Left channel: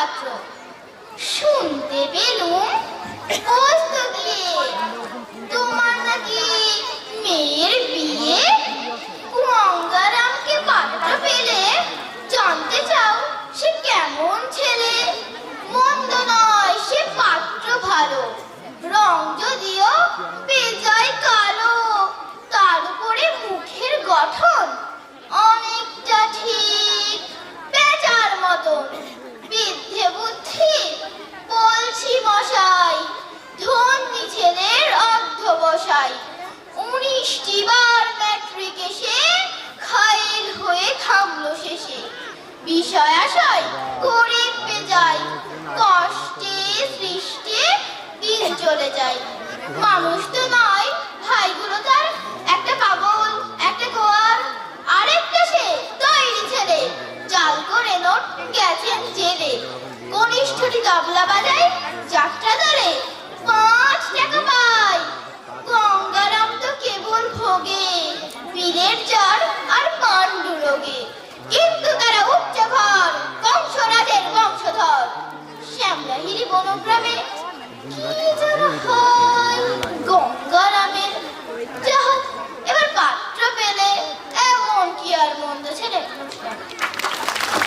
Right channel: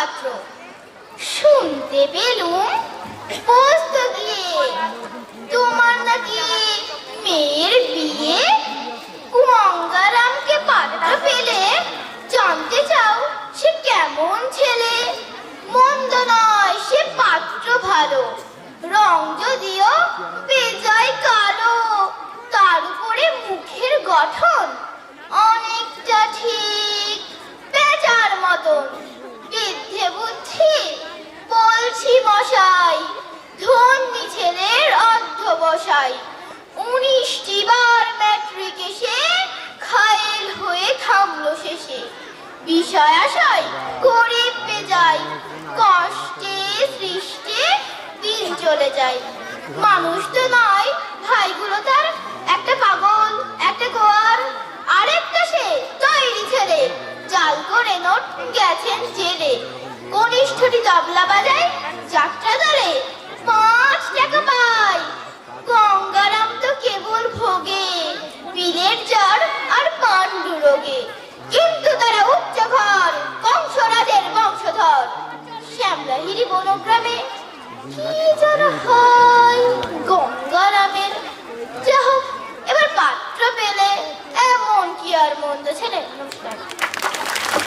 পাত্র। শুনতে পেলুম পোস্ত দিয়ে তোমার নাকি মেয়ের বিয়ে। গঙ্গারামকে পাত্র পেলে জানতে চাও সে কেমন ছেলে। মন্দ নয় সে পাত্র ভালো, রং যদিও বেজায় কালো। তার উপরে মুখের গঠন অনেকটা ঠিক বেচার মতন। বিদ্যে বুদ্ধি বলছি মশাই, ধন্যী ছেলের অধ্যবসায়। 19টি বার ম্যাট্রিক এসে ঘায়েল হয়ে থামলো শেষে। বিষয় আশায় গরিব বেজায়, কষ্টে সৃষ্টে দিন চলে যায়। মানুষ তো নয় ভাইগুলো তার, একটা পাগল একটা গোয়াল, আরেকটা সে তৈরি ছেলে। জাল করে নোট গেছেন জেলে। কনিষ্ঠটি তবলা বাজায় যাত্রা দলে 5 টাকা পায়। গঙ্গারাম তো কেবল ভোগে বীরের জ্বর আর পাণ্ডু রোগে। কিন্তু তারা উচ্চ ঘর, কংসরাজের বংশধর। শ্যামলাহিরি বনগ্রামে কি যেন হয়